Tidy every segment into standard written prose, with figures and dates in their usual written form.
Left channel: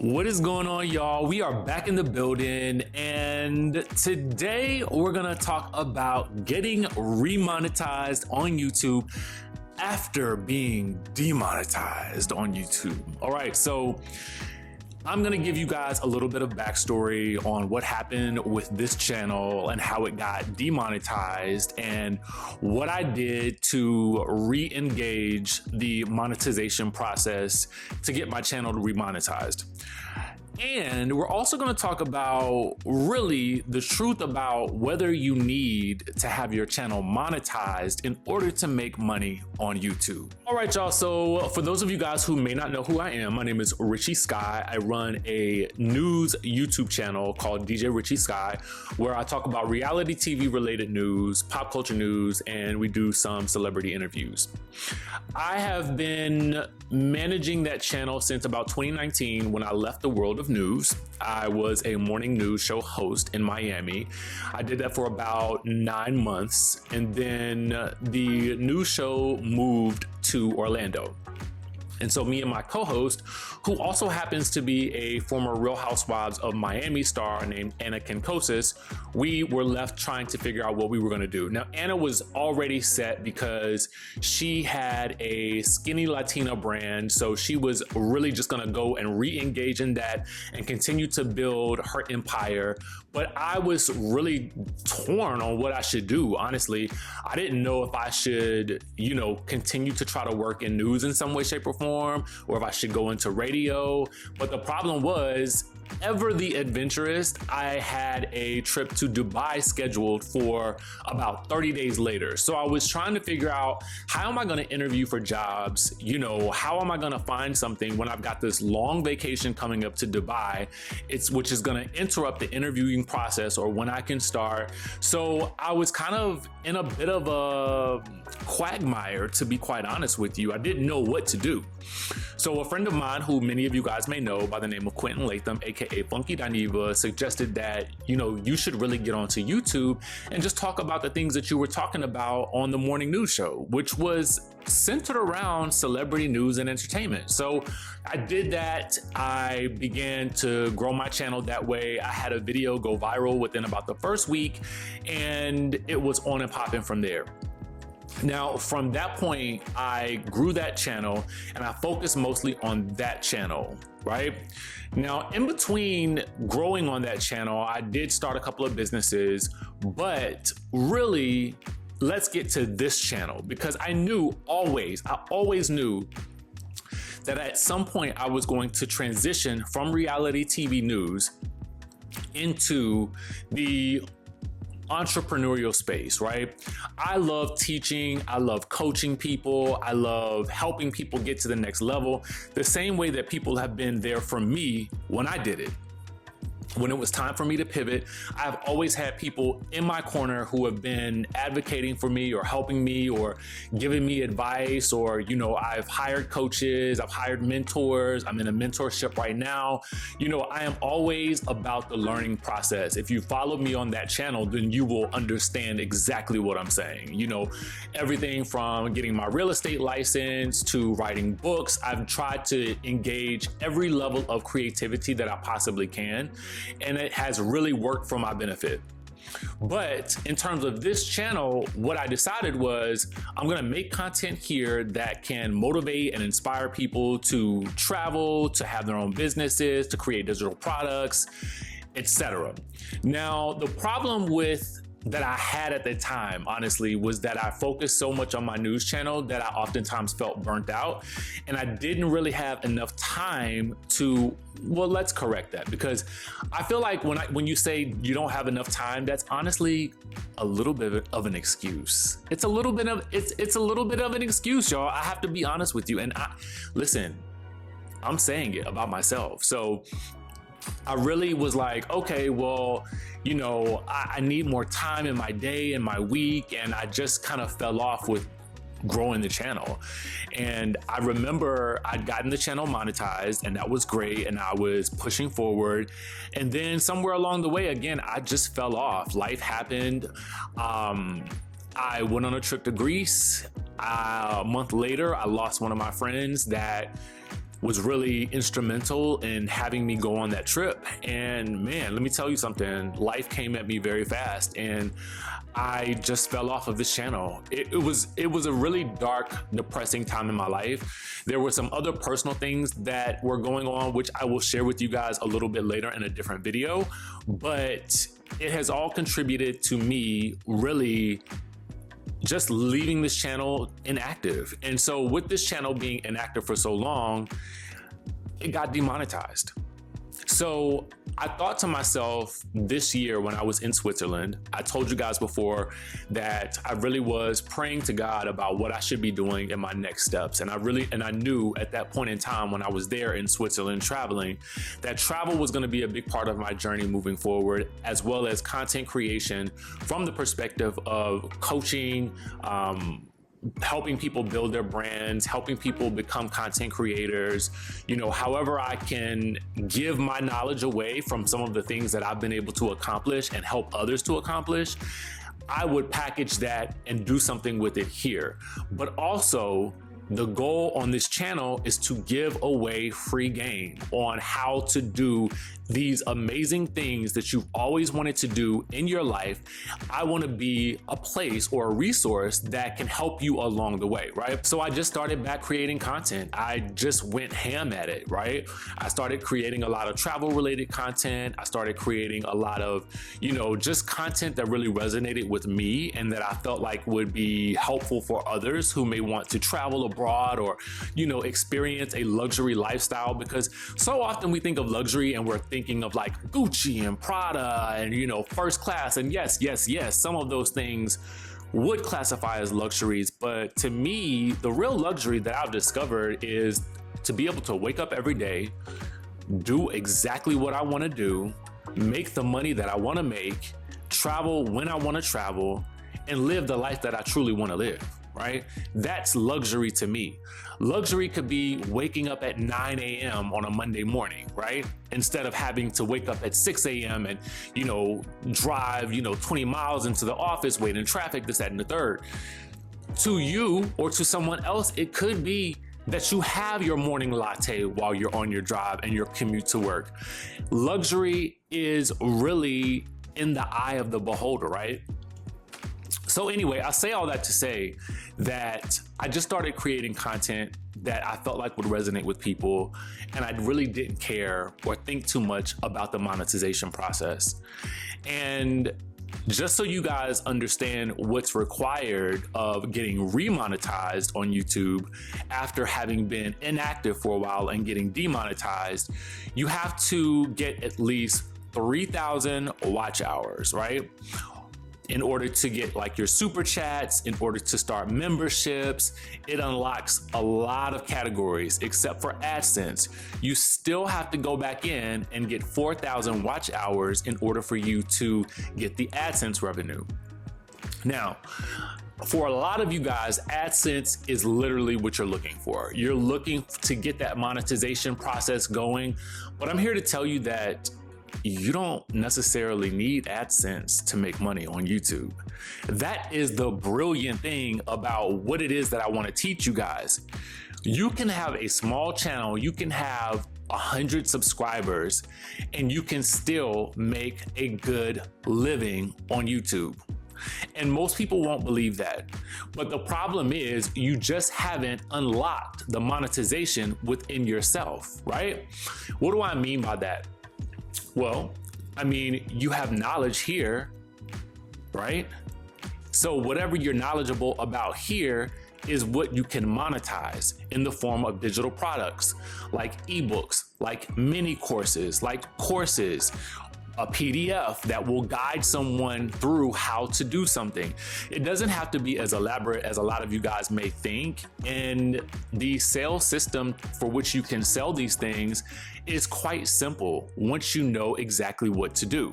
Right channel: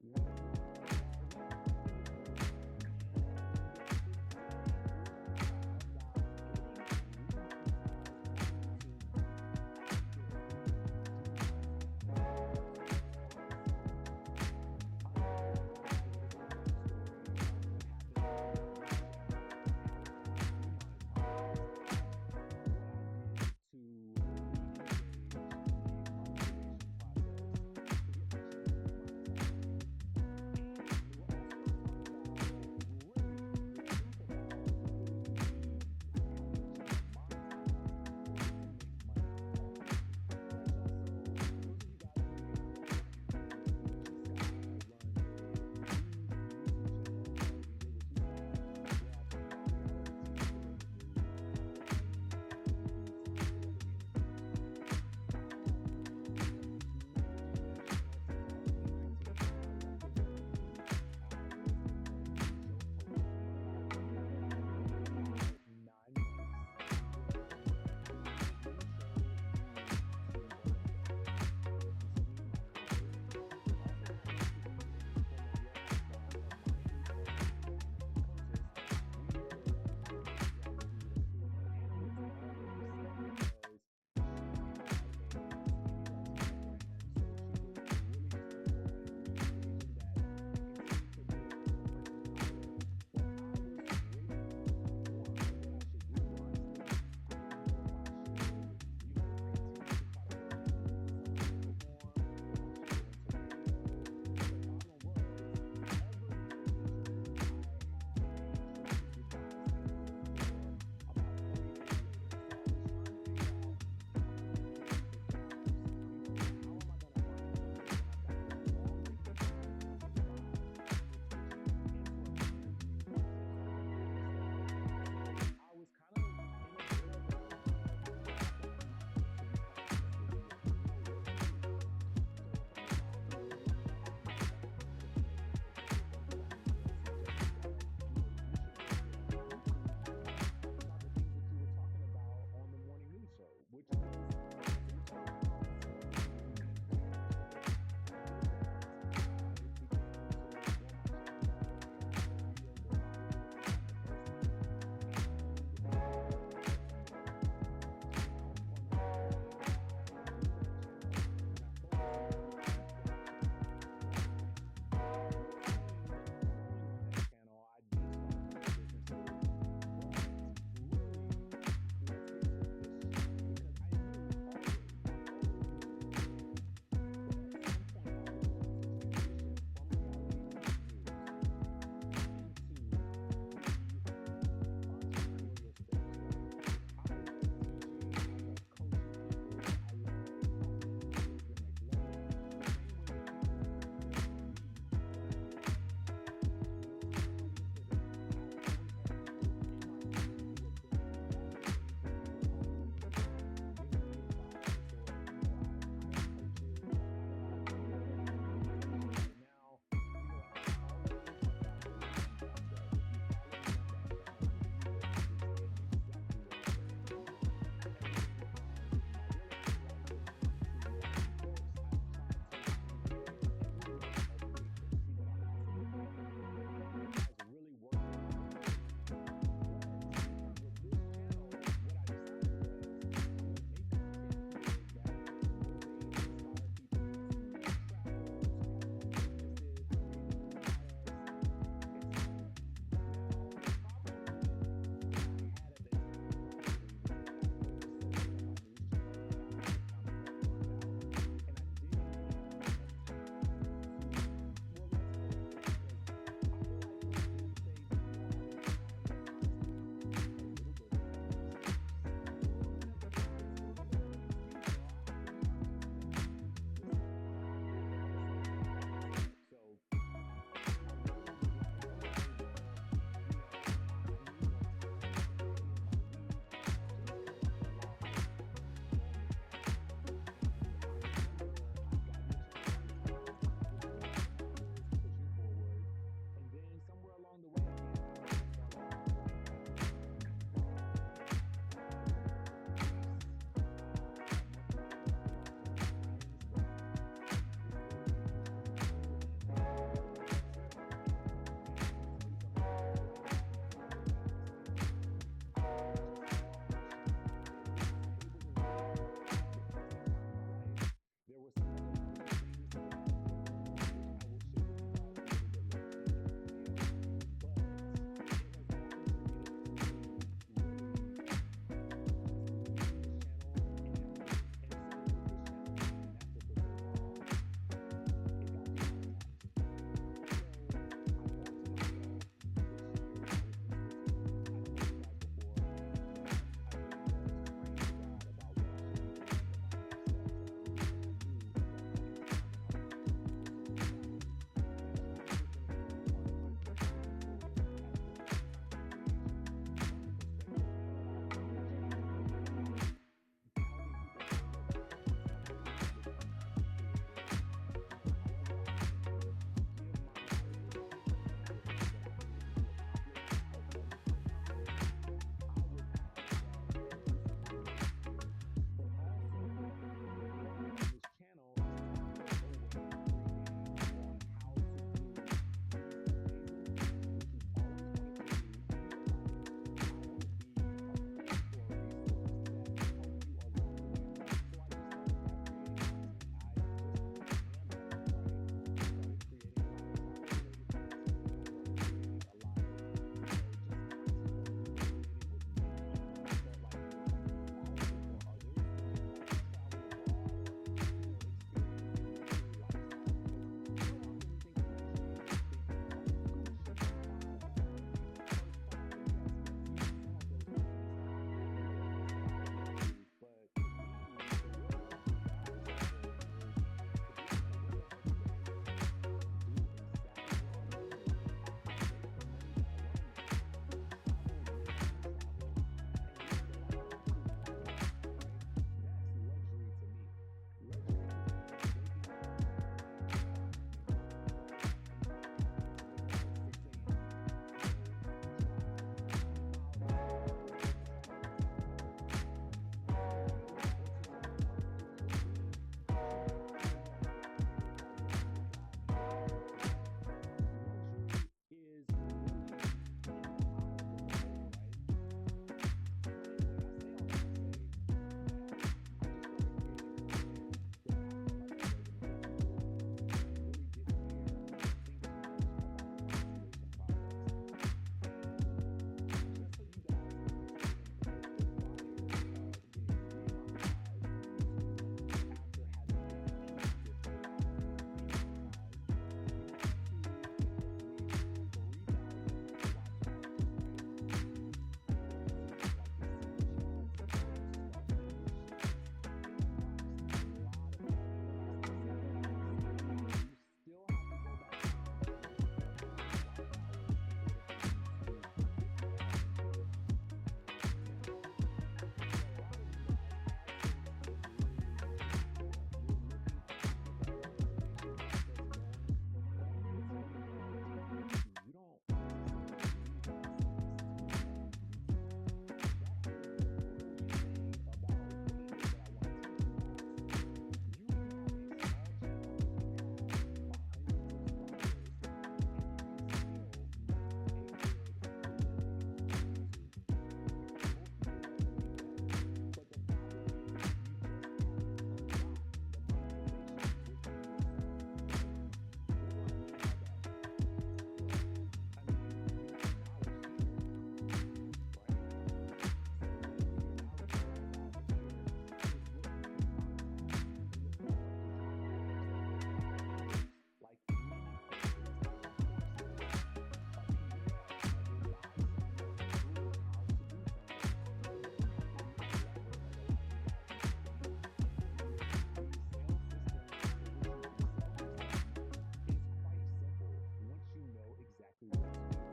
What is going on, y'all? We are back in the building, and today we're gonna talk about getting remonetized on YouTube after being demonetized on YouTube. All right, so I'm gonna give you guys a little bit of backstory on what happened with this channel and how it got demonetized and what I did to re-engage the monetization process to get my channel remonetized. And we're also going to talk about really the truth about whether you need to have your channel monetized in order to make money on YouTube. All right, y'all. So for those of you guys who may not know who I am, my name is Richie Sky. I run a news YouTube channel called DJ Richie Sky, where I talk about reality TV related news, pop culture news, and we do some celebrity interviews. I have been managing that channel since about 2019 when I left the world of news. I was a morning news show host in Miami. I did that for about 9 months, and then the news show moved to Orlando. And so me and my co-host, who also happens to be a former Real Housewives of Miami star named Anna Kenkosis, we were left trying to figure out what we were going to do. Now, Anna was already set because she had a skinny Latina brand. So she was really just going to go and re-engage in that and continue to build her empire. But I was really torn on what I should do. Honestly, I didn't know if I should, continue to try to work in news in some way, shape, or form, or if I should go into radio. But the problem was, ever the adventurous, I had a trip to Dubai scheduled for about 30 days later. So I was trying to figure out, how am I going to interview for jobs? How am I going to find something when I've got this long vacation coming up to Dubai, which is going to interrupt the interviewing process or when I can start. So I was kind of in a bit of a quagmire, to be quite honest with you. I didn't know what to do. So a friend of mine, who many of you guys may know by the name of Quentin Latham, aka Funky Dineva, suggested that, you should really get onto YouTube and just talk about the things that you were talking about on the morning news show, which was centered around celebrity news and entertainment. So I did that. I began to grow my channel that way. I had a video go viral within about the first week, and it was on and popping from there. Now, from that point, I grew that channel and I focused mostly on that channel, right? Now, in between growing on that channel, I did start a couple of businesses, but really, let's get to this channel, because I always knew that at some point I was going to transition from reality TV news into the entrepreneurial space, right? I love teaching. I love coaching people. I love helping people get to the next level, the same way that people have been there for me when I did it. When it was time for me to pivot, I've always had people in my corner who have been advocating for me or helping me or giving me advice, or, I've hired coaches, I've hired mentors, I'm in a mentorship right now. I am always about the learning process. If you follow me on that channel, then you will understand exactly what I'm saying. Everything from getting my real estate license to writing books, I've tried to engage every level of creativity that I possibly can. And it has really worked for my benefit. But in terms of this channel, what I decided was I'm going to make content here that can motivate and inspire people to travel, to have their own businesses, to create digital products, etc. Now, the problem that I had at the time, honestly, was that I focused so much on my news channel that I oftentimes felt burnt out, and I didn't really have enough time to, well, let's correct that, because I feel like when you say you don't have enough time, that's honestly a little bit of an excuse. It's a little bit of an excuse, y'all. I have to be honest with you. And listen, I'm saying it about myself. So I really was like, okay, well, I need more time in my day and my week. And I just kind of fell off with growing the channel. And I remember I'd gotten the channel monetized, and that was great, and I was pushing forward. And then somewhere along the way, again, I just fell off. Life happened. I went on a trip to Greece. A month later, I lost one of my friends that was really instrumental in having me go on that trip. And man, let me tell you something, life came at me very fast and I just fell off of this channel. It was a really dark, depressing time in my life. There were some other personal things that were going on, which I will share with you guys a little bit later in a different video, but it has all contributed to me really just leaving this channel inactive. And so with this channel being inactive for so long, it got demonetized. So I thought to myself this year when I was in Switzerland, I told you guys before that I really was praying to God about what I should be doing in my next steps. And I knew at that point in time when I was there in Switzerland traveling, that travel was going to be a big part of my journey moving forward, as well as content creation from the perspective of coaching, helping people build their brands, helping people become content creators, however I can give my knowledge away from some of the things that I've been able to accomplish and help others to accomplish, I would package that and do something with it here. But also, the goal on this channel is to give away free game on how to do these amazing things that you've always wanted to do in your life. I want to be a place or a resource that can help you along the way, right? So I just started back creating content. I just went ham at it, right? I started creating a lot of travel related content. I started creating a lot of, just content that really resonated with me and that I felt like would be helpful for others who may want to travel abroad or, experience a luxury lifestyle, because so often we think of luxury and we're thinking of like Gucci and Prada and first class, and yes, some of those things would classify as luxuries, but to me the real luxury that I've discovered is to be able to wake up every day, do exactly what I want to do, make the money that I want to make, travel when I want to travel, and live the life that I truly want to live, right? That's luxury to me. Luxury could be waking up at 9 a.m. on a Monday morning, right? Instead of having to wake up at 6 a.m. and, drive, 20 miles into the office, wait in traffic, this, that, and the third. To you or to someone else, it could be that you have your morning latte while you're on your drive and your commute to work. Luxury is really in the eye of the beholder, right? So anyway, I say all that to say that I just started creating content that I felt like would resonate with people, and I really didn't care or think too much about the monetization process. And just so you guys understand what's required of getting remonetized on YouTube after having been inactive for a while and getting demonetized, you have to get at least 3,000 watch hours, right? In order to get like your super chats, in order to start memberships. It unlocks a lot of categories except for AdSense. You still have to go back in and get 4,000 watch hours in order for you to get the AdSense revenue. Now, for a lot of you guys, AdSense is literally what you're looking for. You're looking to get that monetization process going, but I'm here to tell you that you don't necessarily need AdSense to make money on YouTube. That is the brilliant thing about what it is that I want to teach you guys. You can have a small channel, you can have 100 subscribers, and you can still make a good living on YouTube. And most people won't believe that. But the problem is you just haven't unlocked the monetization within yourself, right? What do I mean by that? Well, I mean, you have knowledge here, right? So whatever you're knowledgeable about here is what you can monetize in the form of digital products, like ebooks, like mini courses, like courses, a PDF that will guide someone through how to do something. It doesn't have to be as elaborate as a lot of you guys may think. And the sales system for which you can sell these things is quite simple once you know exactly what to do.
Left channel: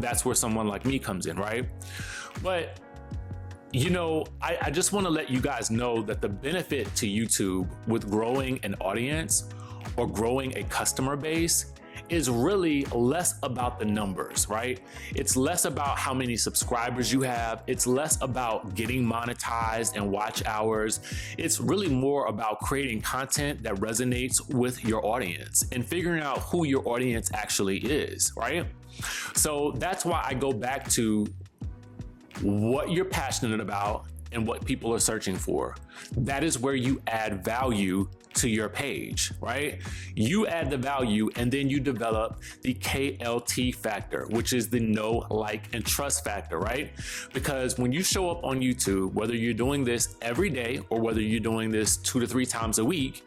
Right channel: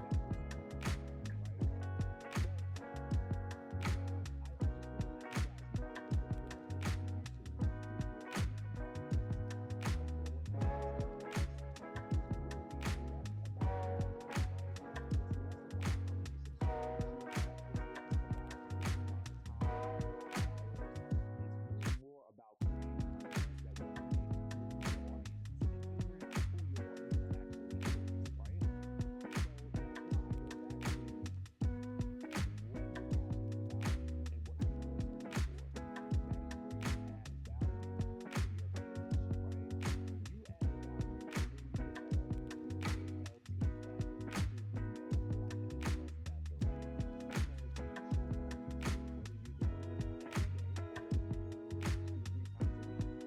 That's where someone like me comes in, right? But I just want to let you guys know that the benefit to YouTube with growing an audience or growing a customer base is really less about the numbers, right? It's less about how many subscribers you have. It's less about getting monetized and watch hours. It's really more about creating content that resonates with your audience and figuring out who your audience actually is, right? So that's why I go back to what you're passionate about and what people are searching for. That is where you add value to your page, right? You add the value and then you develop the KLT factor, which is the know, like, and trust factor, right? Because when you show up on YouTube, whether you're doing this every day or whether you're doing this 2 to 3 times a week,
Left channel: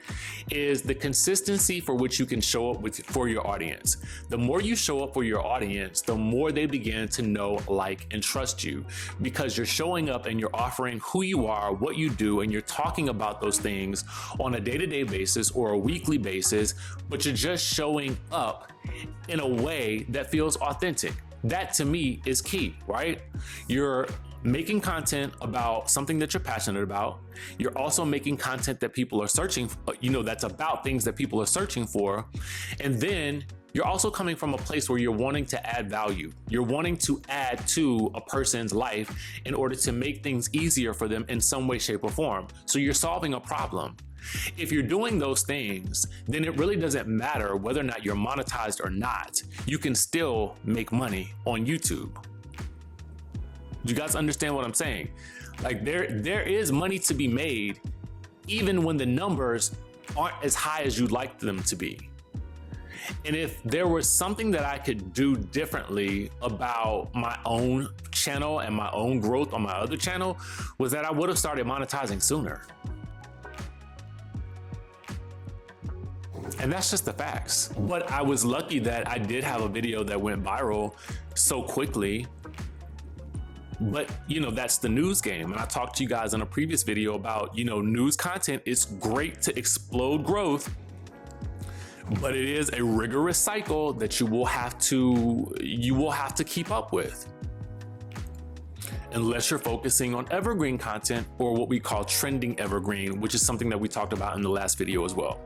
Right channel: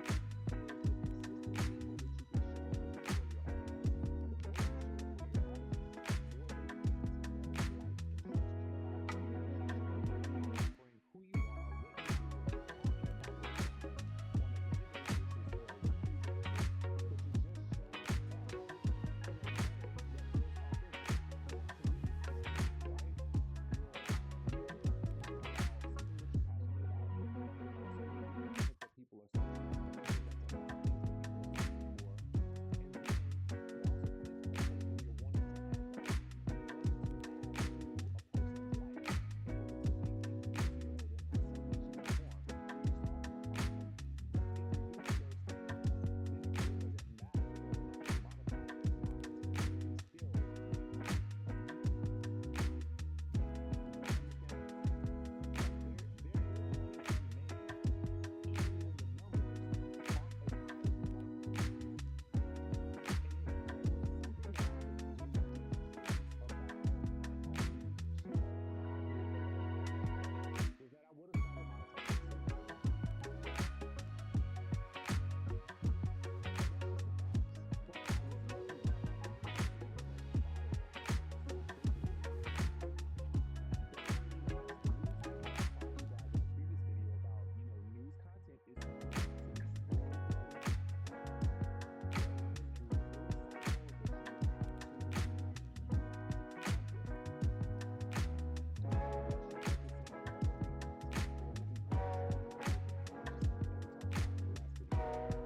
is the consistency for which you can show up for your audience. The more you show up for your audience, the more they begin to know, like, and trust you, because you're showing up and you're offering who you are, what you do, and you're talking about those things on a day-to-day basis or a weekly basis, but you're just showing up in a way that feels authentic. That to me is key, right? You're making content about something that you're passionate about. You're also making content that people are searching, that's about things that people are searching for. And then you're also coming from a place where you're wanting to add value. You're wanting to add to a person's life in order to make things easier for them in some way, shape, or form. So you're solving a problem. If you're doing those things, then it really doesn't matter whether or not you're monetized or not. You can still make money on YouTube. You guys understand what I'm saying? Like there is money to be made even when the numbers aren't as high as you'd like them to be. And if there was something that I could do differently about my own channel and my own growth on my other channel, was that I would have started monetizing sooner. And that's just the facts. But I was lucky that I did have a video that went viral so quickly. But that's the news game. And I talked to you guys in a previous video about, news content is great to explode growth, but it is a rigorous cycle that you will have to keep up with. Unless you're focusing on evergreen content, or what we call trending evergreen, which is something that we talked about in the last video as well.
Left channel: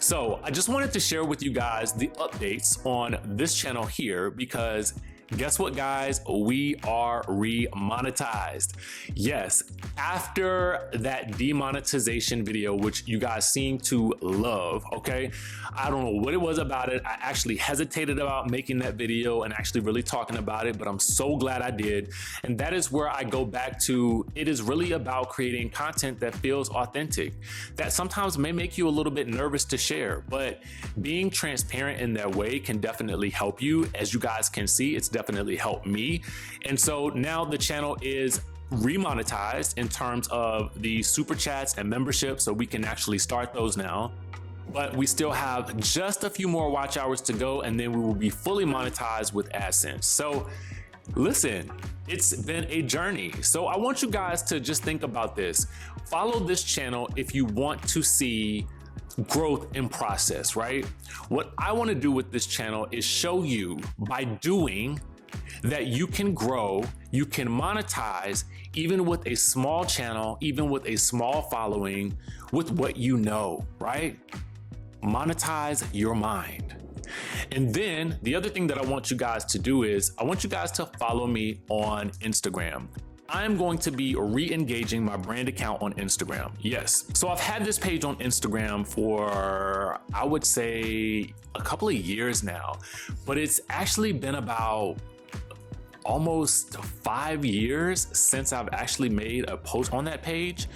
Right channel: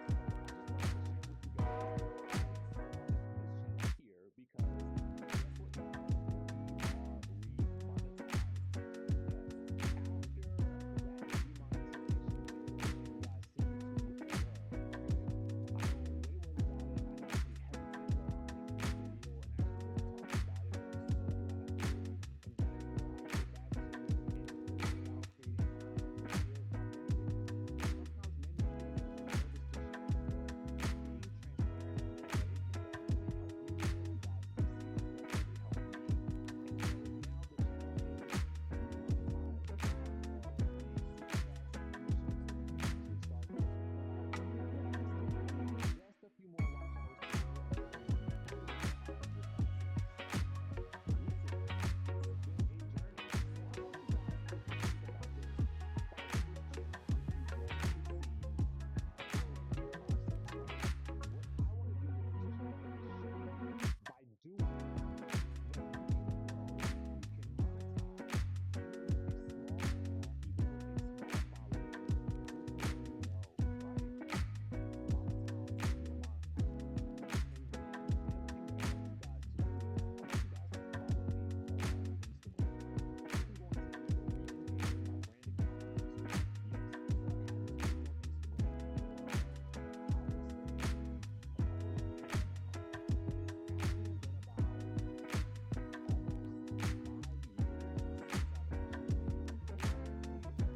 So I just wanted to share with you guys the updates on this channel here, because guess what, guys? We are remonetized. Yes, after that demonetization video, which you guys seem to love, okay? I don't know what it was about it. I actually hesitated about making that video and actually really talking about it, but I'm so glad I did. And that is where I go back to, it is really about creating content that feels authentic, that sometimes may make you a little bit nervous to share, but being transparent in that way can definitely help you. As you guys can see, it's definitely helped me. And so now the channel is remonetized in terms of the super chats and memberships, so we can actually start those now. But we still have just a few more watch hours to go, and then we will be fully monetized with AdSense. So listen, it's been a journey. So I want you guys to just think about this. Follow this channel if you want to see growth in process, right? What I want to do with this channel is show you by doing that you can grow, you can monetize, even with a small channel, even with a small following, with what you know, right? Monetize your mind. And then the other thing that I want you guys to do is I want you guys to follow me on Instagram. I'm going to be re-engaging my brand account on Instagram. Yes. So I've had this page on Instagram for, I would say, a couple of years now, but it's actually been about almost 5 years since I've actually made a post on that page.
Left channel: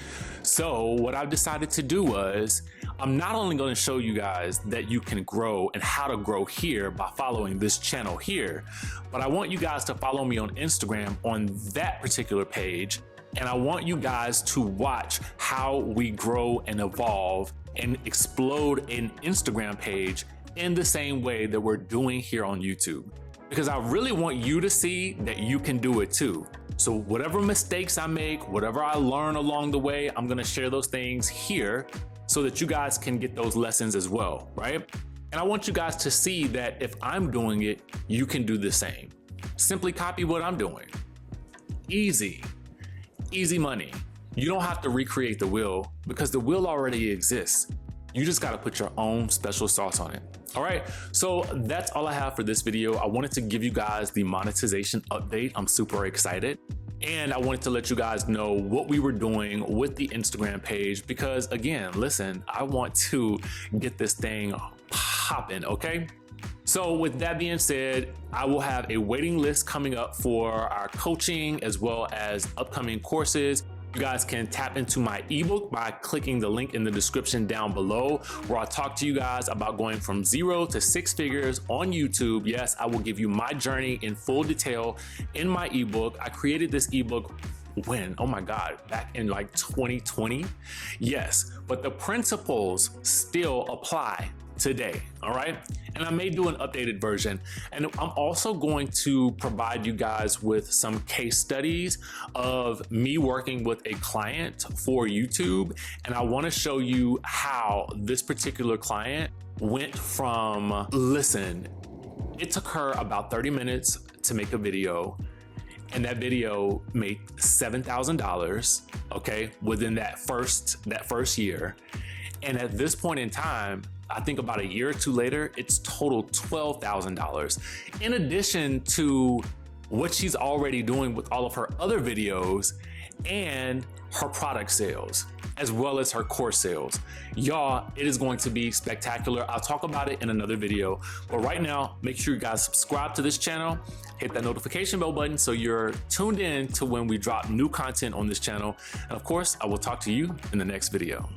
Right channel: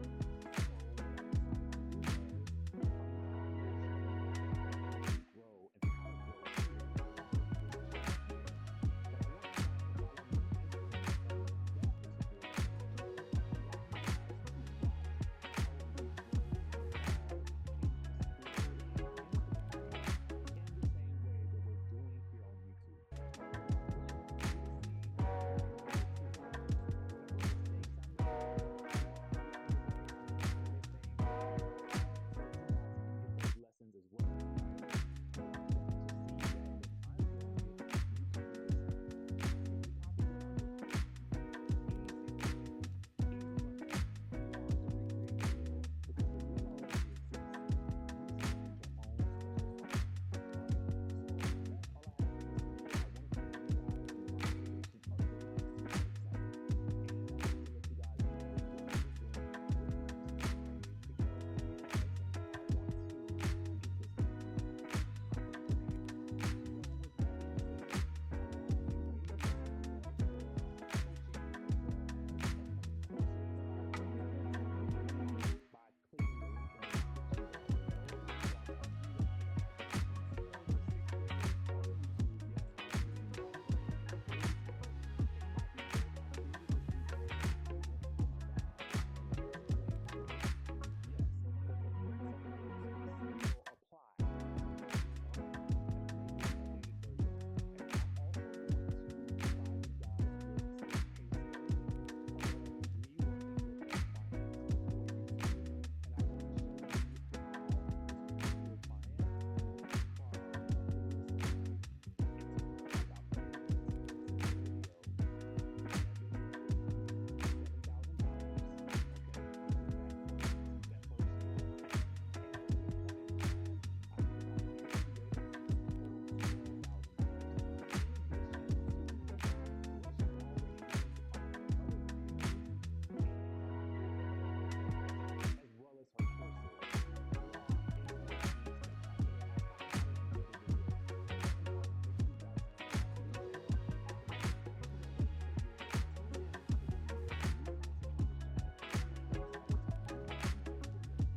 So what I've decided to do was, I'm not only going to show you guys that you can grow and how to grow here by following this channel here, but I want you guys to follow me on Instagram on that particular page. And I want you guys to watch how we grow and evolve and explode an Instagram page in the same way that we're doing here on YouTube. Because I really want you to see that you can do it too. So whatever mistakes I make, whatever I learn along the way, I'm gonna share those things here so that you guys can get those lessons as well, right? And I want you guys to see that if I'm doing it, you can do the same. Simply copy what I'm doing. Easy, easy money. You don't have to recreate the wheel because the wheel already exists. You just got to put your own special sauce on it. All right, so that's all I have for this video. I wanted to give you guys the monetization update. I'm super excited. And I wanted to let you guys know what we were doing with the Instagram page because, again, listen, I want to get this thing popping, okay? So with that being said, I will have a waiting list coming up for our coaching as well as upcoming courses. You guys can tap into my ebook by clicking the link in the description down below, where I talk to you guys about going from 0 to 6 figures on YouTube. Yes, I will give you my journey in full detail in my ebook. I created this ebook when? Oh my God, back in like 2020. Yes, but the principles still apply today, all right? And I may do an updated version. And I'm also going to provide you guys with some case studies of me working with a client for YouTube. And I wanna show you how this particular client went from, listen, it took her about 30 minutes to make a video, and that video made $7,000, okay, within that first year. And at this point in time, I think about a year or two later, it's total $12,000. In addition to what she's already doing with all of her other videos and her product sales, as well as her course sales. Y'all, it is going to be spectacular. I'll talk about it in another video. But right now, make sure you guys subscribe to this channel, hit that notification bell button so you're tuned in to when we drop new content on this channel. And of course, I will talk to you in the next video.